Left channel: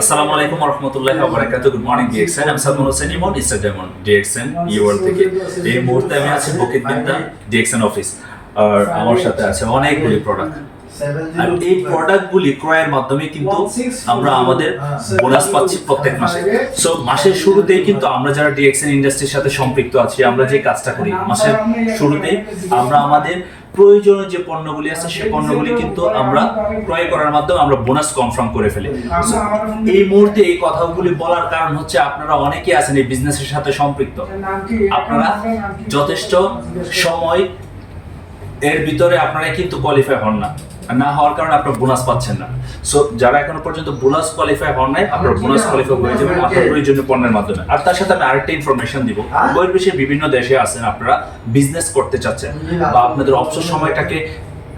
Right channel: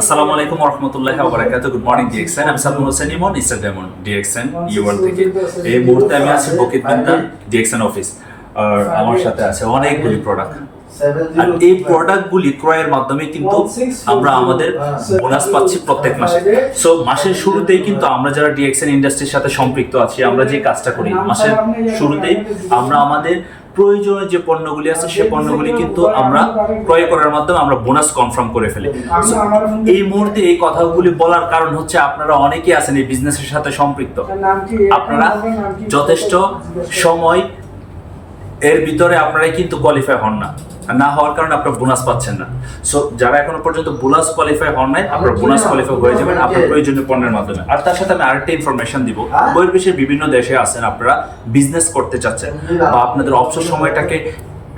আসসালামু আলাইকুম good morning DXN আমি হোসেন ইমন ডিএক্সএন থেকে। এই মুহূর্তে আমি আছি বকিত ডিএক্সএন অফিস আর আমার সাথে আছে অনেকগুলি প্রোডাক্ট আর এই প্রোডাক্টগুলি ক্রয়ের মাধ্যমে কিন্তু আমরা আমাদের বোনাস পাচ্ছি প্রত্যেক মাসে। সো মাসের শুরুতেই কিন্তু আমরা যারা ডিএক্সএন ইন্ডাস্ট্রির সাথে সম্পৃক্ত আছি, আমরা যে কাজটা করি, মাসের শুরুতেই আমরা আমাদের প্রয়োজনীয় যে পণ্যগুলি আছে, সে পণ্যগুলি কিন্তু আমরা ক্রয় করার মাধ্যমে আমরা বোনাস কনফার্ম করে ফেলি। এই মুহূর্তে এই কথাগুলি বলার কারণ হচ্ছে আপনারা অনেকেই আছেন এই বিজনেসের সাথে সম্পৃক্ত। আপনারা যথেষ্ট সময় এর ভিতরে আপনারাই কিন্তু কোয়ালিফাই হন না। না হওয়ার কারণে আপনারা বোনাস পাচ্ছেন না। সো যারা এখনও পর্যন্ত বোনাস কোয়ালিফাই হন নাই আপনারা বোনাস কোয়ালিফাই হয়ে যাবেন আপনার প্রয়োজনীয় পণ্যের মাধ্যমে। আর তার সাথে আমি আরেকটা ইনফরমেশন দিব। বহির্বিশ্বের বিভিন্ন দেশে আছেন আপনারা বিজনেস করতে চাচ্ছেন। বা আপনাদের অবসর সময়টাকে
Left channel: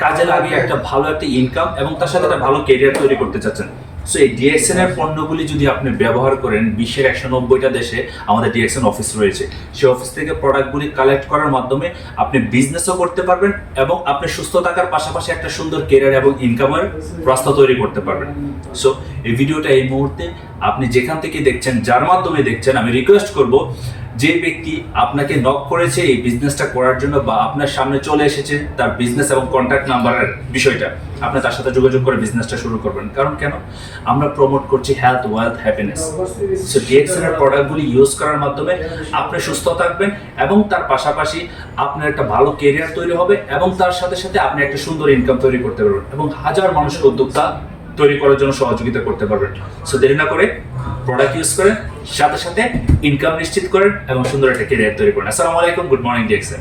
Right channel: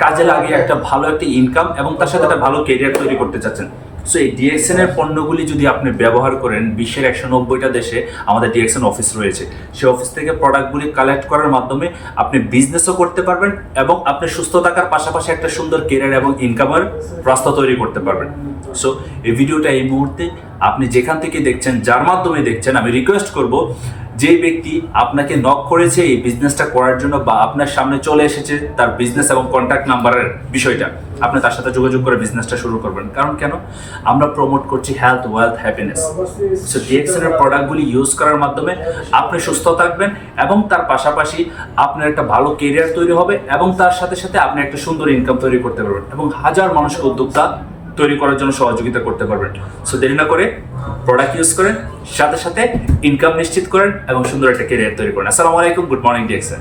কাজে লাগিয়ে একটা ভালো একটা ইনকাম এবং তার সাথে একটা ভালো কেরিয়ার তৈরি করতে চাচ্ছেন। সো এই ডিএক্সএন এর পণ্যগুলি যদি আপনি ব্যবহার করেন, বিশ্বের একশো নব্বইটা দেশে আমাদের ডিএক্সএন অফিস রয়েছে। সেই অফিস থেকে প্রোডাক্টগুলি কালেক্ট করার মাধ্যমে আপনি বিজনেসও করতে পারবেন এবং আপনি সুস্থ থাকার পাশাপাশি একটা সুন্দর কেরিয়ার এবং ইনকামের রাস্তা তৈরি করতে পারবেন। সো এই ভিডিওটা এই মুহূর্তে আপনি যেখান থেকে দেখছেন, যার মাধ্যমে দেখছেন, আমি রিকোয়েস্ট করব যে ব্যক্তি আপনাকে নক করেছে এই বিজনেসটা করার জন্য বা আপনার সামনে চলে এসেছে তার বিজনেস এবং কন্ট্যাক্ট নাম্বারের বিষয়টা, আপনি তার সাথে যোগাযোগ করে বিজনেসটা শুরু করবেন। কারণ কেন? আমরা প্রমোট করছি health wealth happiness so DXL এর প্রোডাক্টগুলি ইউজ করার মাধ্যমে আপনি সুস্থ থাকবেন এবং তার পাশাপাশি আপনার একটা ভালো কেরিয়ার তৈরি হবে এবং তার সাথে সাথে আপনি একটা সুন্দর ইনকাম তৈরি করতে পারবেন এবং হাজার মানুষকে উদ্যোক্তা তৈরি করার জন্য সহযোগিতা করতে পারবেন। সো দেরি না করে প্রোডাক্ট ইউজ করেন, সাথে সাথে ইনকাম নিশ্চিত করেন এবং সুন্দর একটা কেরিয়ার তৈরি করেন। আসসালামু আলাইকুম গুড মর্নিং ডিএক্সএল